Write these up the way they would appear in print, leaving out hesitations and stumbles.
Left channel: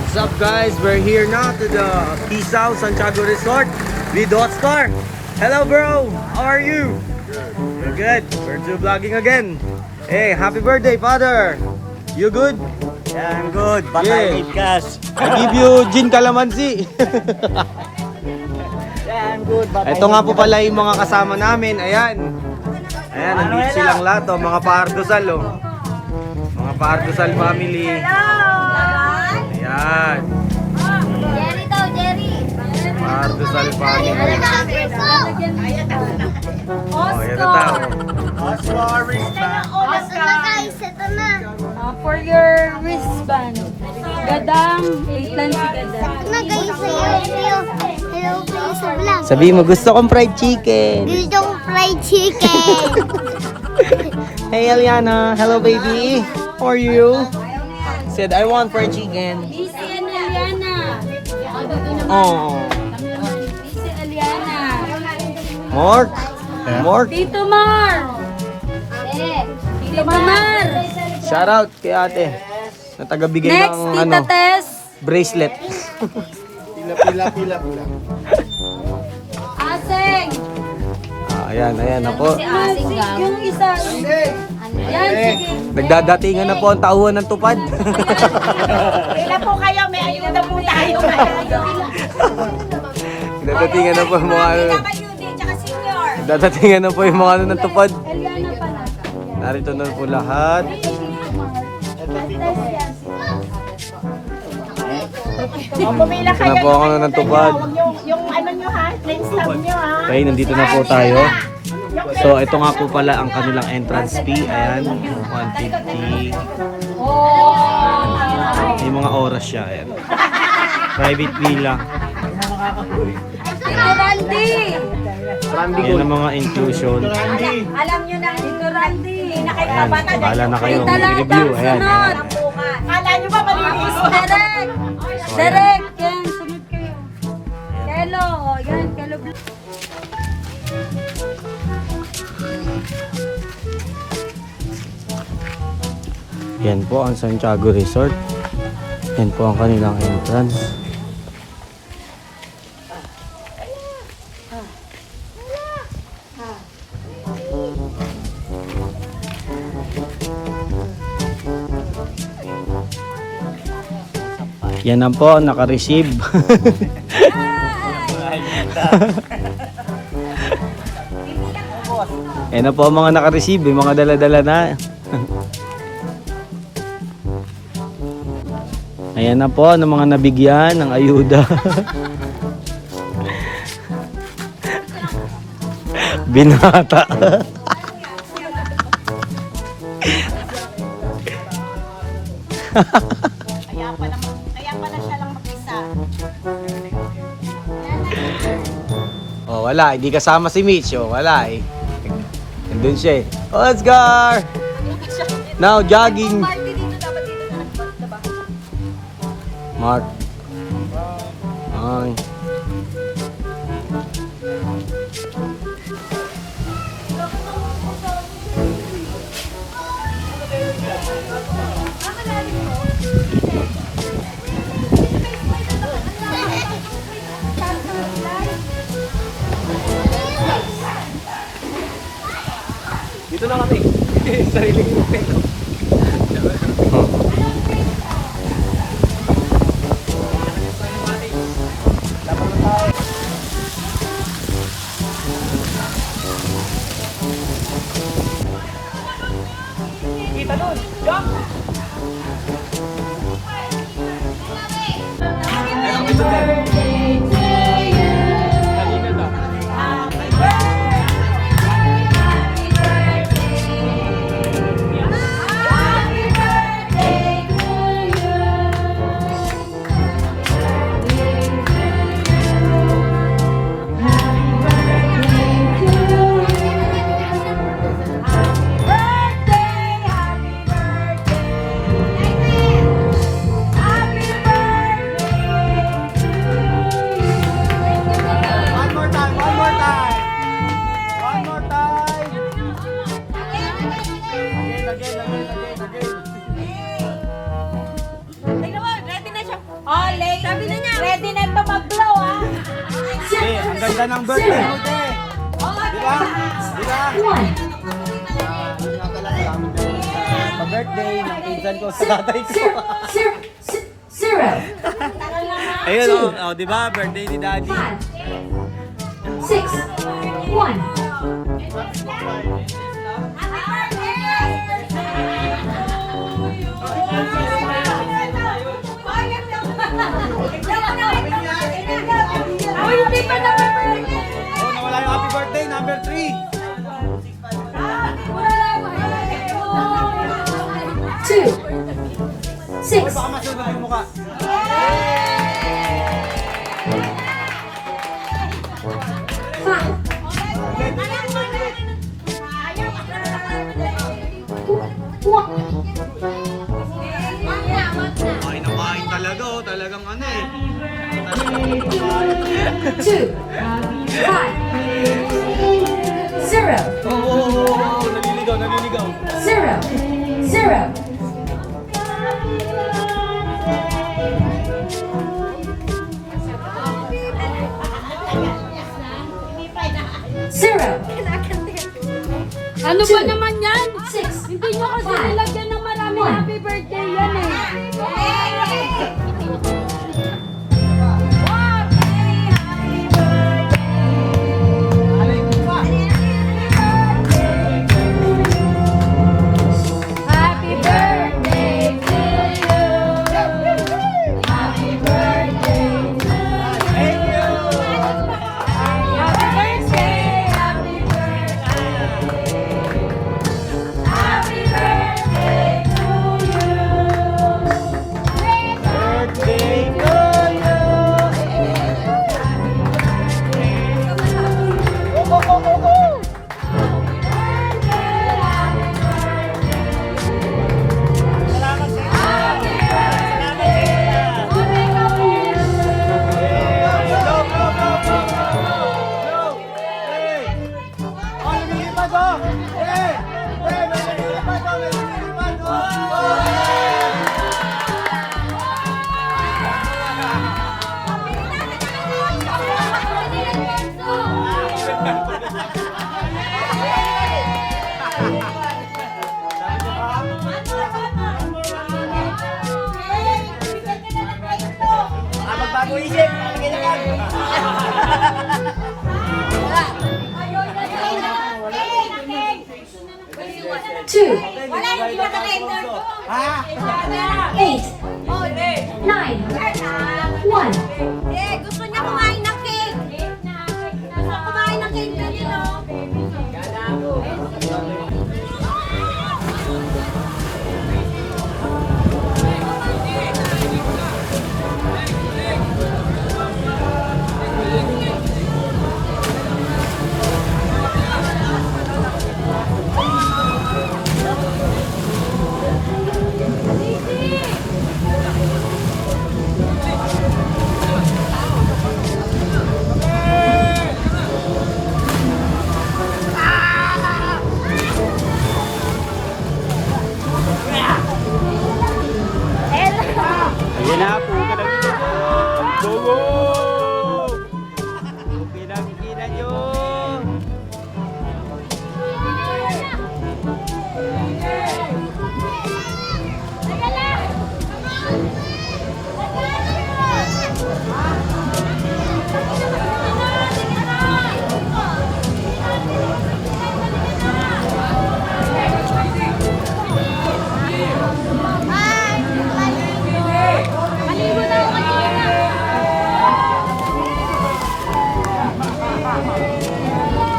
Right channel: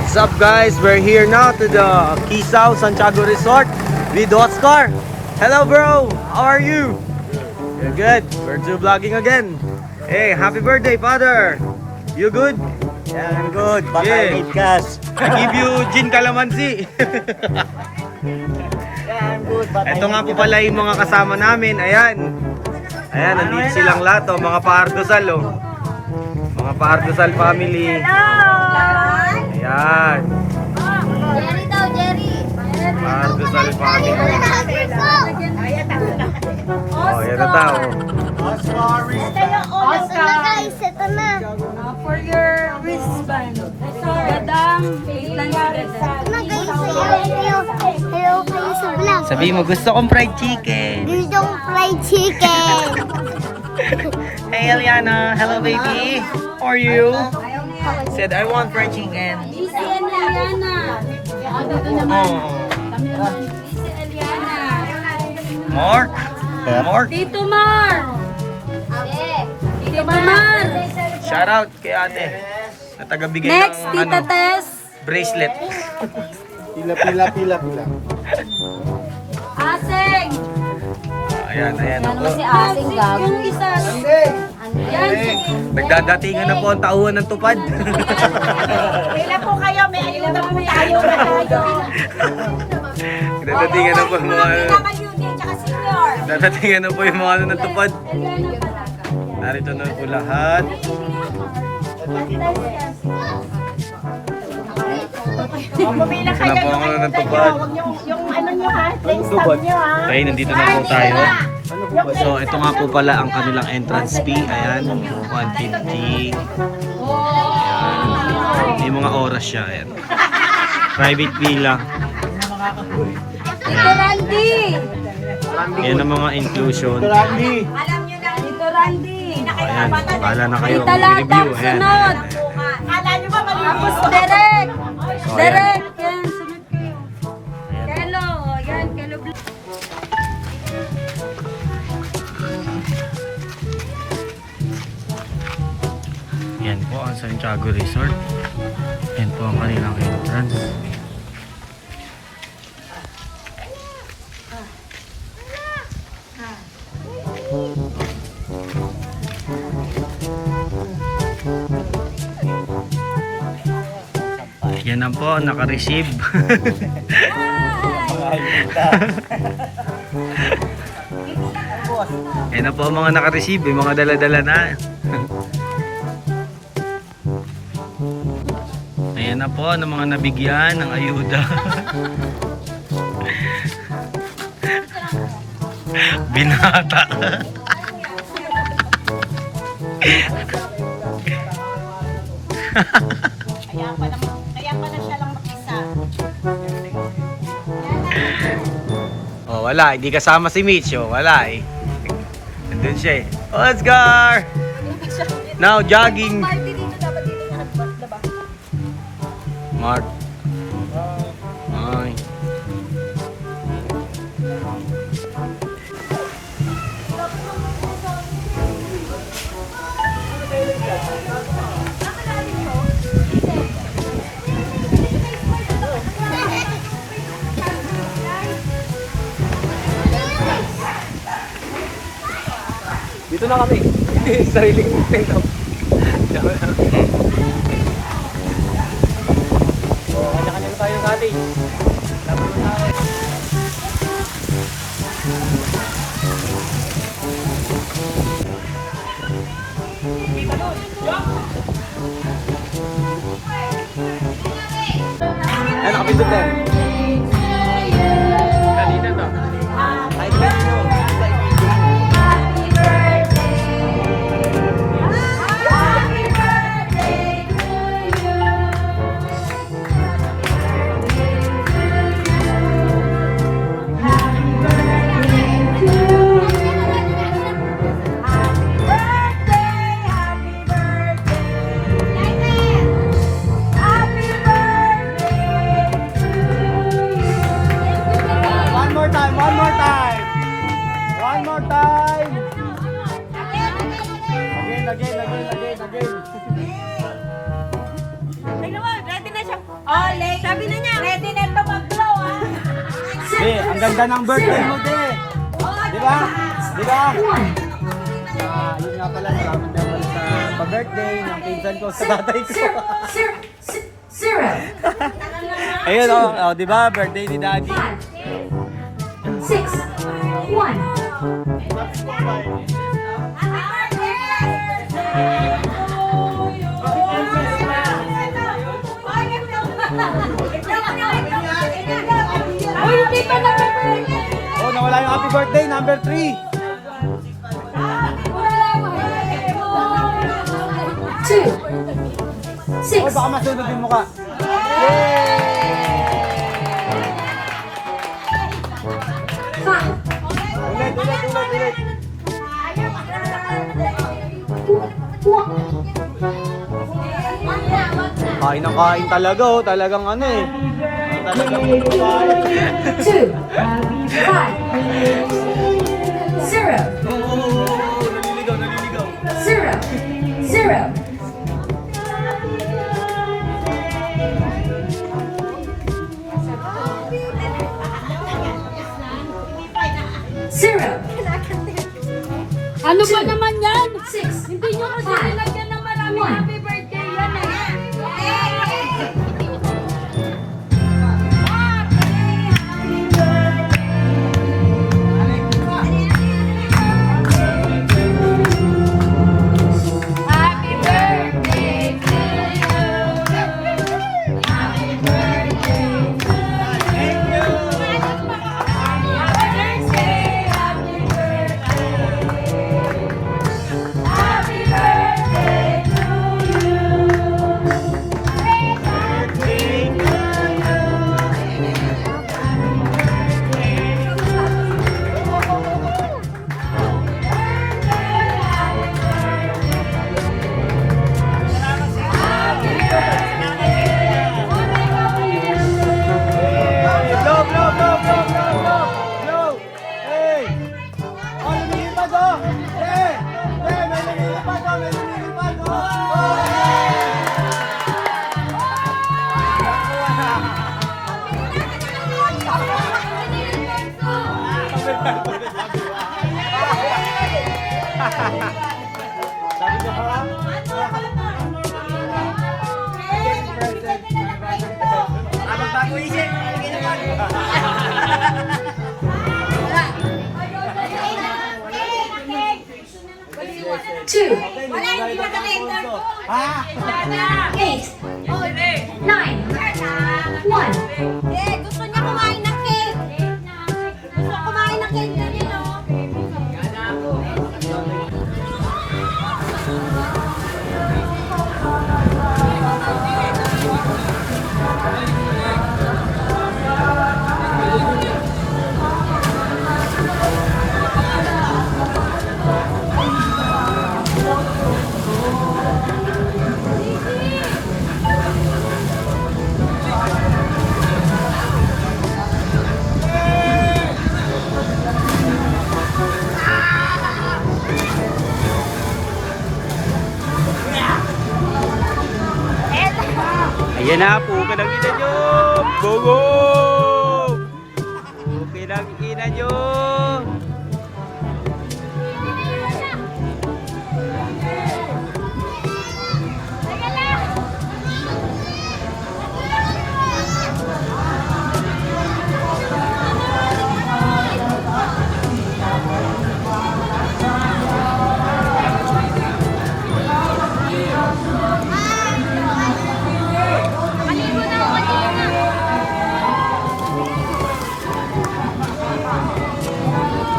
What's up guys? We're here now to the Kisao Santiago Resort with Oscar. Hello bro, how are you? You're good. We're vlogging again. Hey, happy birthday father. You good? Yeah, I'm good, but I need cash. I give you gin calamansi. Ito nga po pala yung mga kasama namin. Ayan. Ayan, nandito silang lahat oh, mga Paardosal oh. Mga Paardosal family. Ayan. Jerry daw, Jerry. Paardosal family. Oh, yan na tao. Ito na guys, ito na. For your wristband. Gadang, islan si Gadang. Ito na guys, hello kayo sa vlog. Sabihin mo, gusto kong fried chicken. Gusto kong fried chicken. Hey Eliana, hello baby. How are you? Said I want fried chicken. Easy and Eliana. Oh. Easy Eliana. Mark. Mark. Tito Mar. Tito Mar. Shout out kay ate. Na tagabigay Next, ng Tita Tess. bracelet. Pila. Aseng. Ayan ako. Si Aseng Gag. Yung isa. Yan. Nagdadatingan na po ang tauhan ng tupad. Kailan po kayo? May ayuda po tayo. Nagdadatingan na po yung mga Nagdadatingan na po yung mga ng tupad. Narito na po lahat. Ito na po ang ano ng tupad. Yung ano nyo ha? Place tab nyo ha? Okay, nandito na po tayo. So, ito nga po pala ang kanilang entrance fee. Ayan, 150. Ayan. May mga oras siya. Ayan. Private fee lang. Tito Randy. Ayan ang mga inclusion. Alam nyo na, Tito Randy. Ayan, bahala na kayo i-review. Ayan. Kala nyo ba malinis? Derek. Derek. Yan, sunod kayo. Hello. Yan, Kelo. Yan po ang Santiago Resort. Yan po ang kanilang entrance. Yan na po, naka-receive. Yan na po ang mga naka-receive, yung mga dala-dala na. Ayan na po, ng mga nabigyan ng ayuda. Binata. Kaya pala siya lang mag-isa. Oh, wala. Hindi kasama si Mitch. Oh, wala eh. Nandun siya eh. Oh, let's go! Now, jogging. Party dito, dapat dito na diba? Mark. Ay. Dito na kami. Sarili ko ito. Oh, late. Sabi na niya. Ready na ito mag-blow, ah. Be, ang ganda ng birthday mo, be. Di ba? Di ba? Yun nga pala, maraming ganun sa pa-birthday ng pinsan ko sa tatay ko. Ayun, oh, di ba? Birthday ni Daddy. 6, 1. Ay, hindi ka na birthday. Oh, nawala yung happy birthday, number 3. 2, 6, Baka masunod yung mukha. 5, 1. Kain ng kain talaga, oh. Talagang ano eh. Talagang 2, 5, 0, naliligaw, naliligaw. 0, 0. Zero. Ano ba naman yan? 6, Hindi nyo kasi nilagyan ng maraming happy birthday yan eh. Happy birthday to you. Happy birthday to you. Happy birthday, happy birthday. Happy birthday to Oh, lumilipad, oh! Eh! Eh, may lumilipad, oh! May lumilipad, oh! Magbago isip! Two, Wala, hindi ba na-enter ko? Ha? 8, 9, 1. Eh, gusto niya kumain ng cake. Gusto kumain ng cake na nila. Ayan na, puka ng ina nyo! Go, go! Puka ng ina nyo!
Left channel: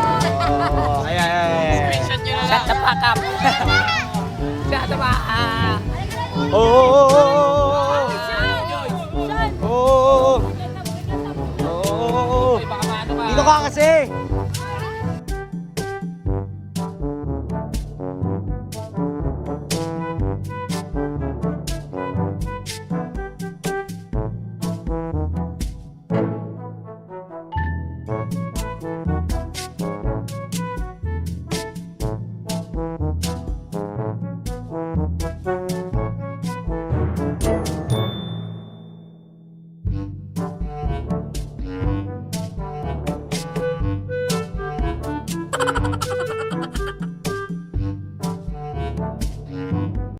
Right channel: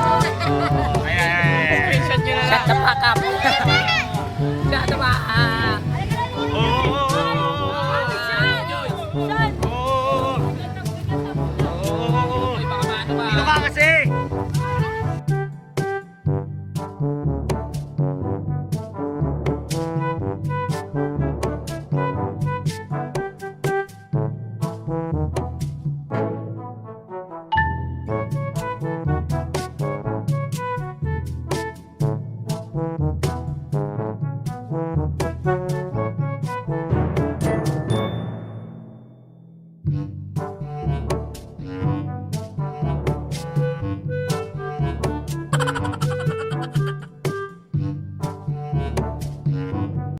Ay, ay, ay, ay. Shut the fuck up!